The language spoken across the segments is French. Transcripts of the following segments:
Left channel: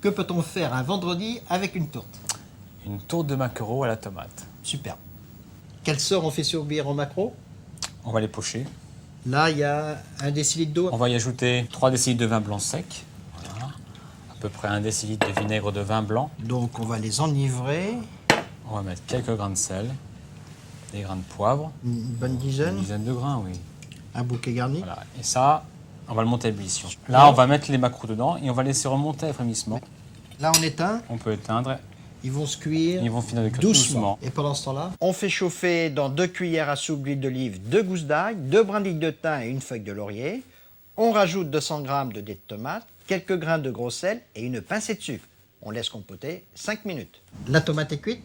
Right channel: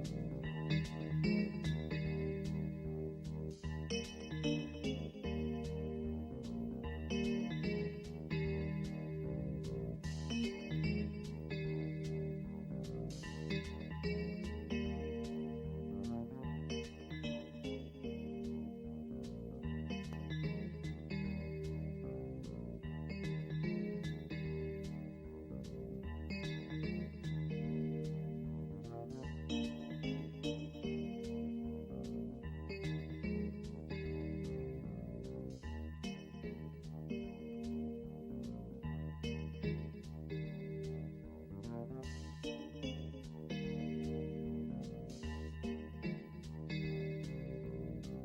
Que peut-on faire un vendredi avec une tourte? Une tourte de maquereau à la tomate. Super. Quel sort on fait surbire en maquereau? On va les pocher. Là, il y a 1 décilitre d'eau. On va y ajouter 3 décilitres de vin blanc sec. Voilà. À peu près 1 décilitre de vinaigre de vin blanc. Donc on va les enivrer. On va mettre quelques grains de sel, des grains de poivre, Une bonne une dizaine. dizaine de grains, oui. Un bouquet garni. Voilà. Et ça, on va le monter à ébullition. Là, on va mettre les maquereaux dedans et on va laisser remonter à frémissement. Là, on éteint. On peut éteindre. Ils vont se cuire Ils vont finir de cuire doucement. doucement. Et pendant ce temps-là, on fait chauffer dans 2 cuillères à soupe d'huile d'olive, 2 gousses d'ail, 2 brindilles de thym et une feuille de laurier. On rajoute 200 g de dés de tomate, quelques grains de gros sel et une pincée de sucre. On laisse compoter 5 minutes. La tomate est cuite.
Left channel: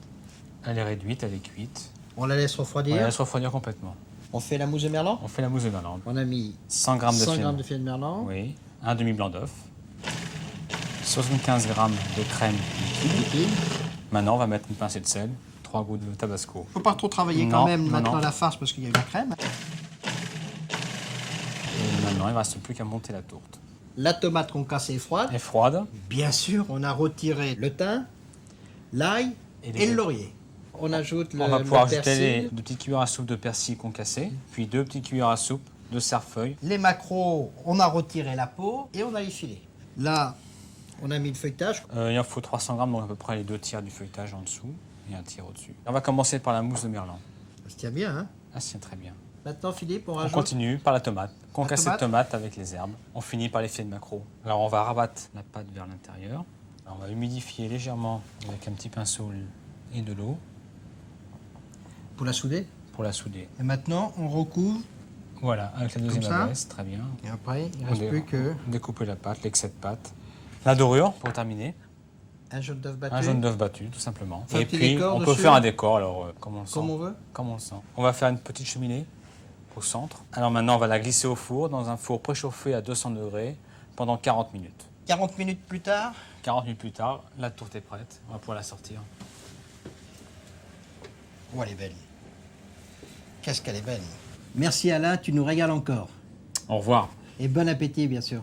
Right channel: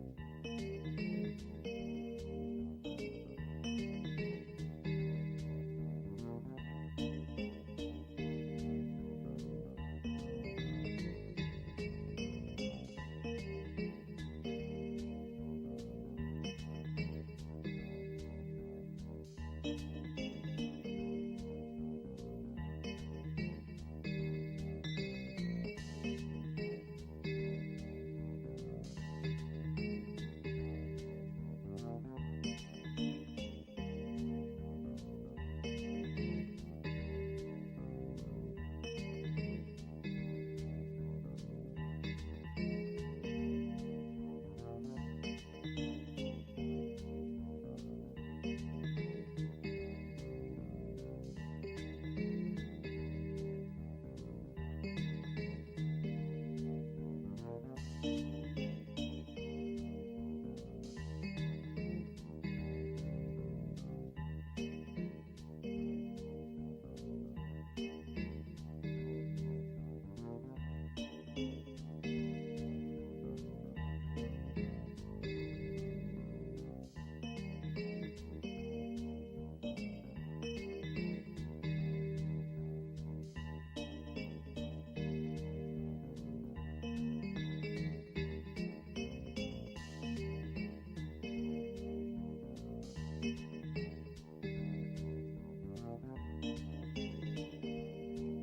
Elle est réduite, elle est cuite. On la laisse On refroidir. la laisse refroidir complètement. On fait la mousse de merlan. On fait la mousse de merlan. On a mis 100 g de 100 filet. g de filet de merlan. Oui. Un demi-blanc d'œuf. 75 g de crème liquide. Liquide. Maintenant, on va mettre une pincée de sel, 3 gouttes de tabasco. Faut pas trop travailler quand Non, même non, maintenant non. la farce parce qu'il y a eu la crème. Et maintenant, il ne reste plus qu'à monter la tourte. La tomate qu'on casse est froide. Elle est froide. Bien sûr, on a retiré le thym, l'ail Et et le laurier. On ajoute On va pouvoir ajouter persil. 2 petites cuillères à soupe de persil concassé, puis 2 petites cuillères à soupe de cerfeuil. Les maquereaux, on a retiré la peau et on a les filets. Là, on a mis le feuilletage. Il en faut 300 g, donc à peu près les 2 tiers du feuilletage en dessous et un tiers au-dessus. On va commencer par la mousse de merlan. Ça se tient bien, hein? Ah, c'est très bien. Maintenant, Philippe, on On rajoute. continue par la tomate. Concassée de tomate. tomate avec les herbes. On finit par les filets de maquereau. Alors on va rabattre la pâte vers l'intérieur. Alors, on va humidifier légèrement avec un petit pinceau et de l'eau Pour la souder. pour la souder. Et maintenant, on recouvre. Voilà, avec la deuxième Comme ça. adresse, très bien. Et après, il ne On reste plus que découper la pâte, l'excès de pâte. La dorure pour terminer. un jaune d'œuf battu. Un jaune d'œuf battu, tout simplement. Fait un Et petit puis, décor on peut dessus. faire un décor. Alors, commençons. Comme on veut. Commençons. On va faire une petite cheminée au centre. Alors maintenant, on va la glisser au four, dans un four préchauffé à 200 degrés, pendant 40 minutes. 40 minutes plus tard. 40 minutes plus tard, la tourte est prête. On va pouvoir la sortir. Oh, elle est belle. Qu'est-ce qu'elle est belle. Merci Alain, tu nous régales encore. Au revoir. Et bon appétit, bien sûr.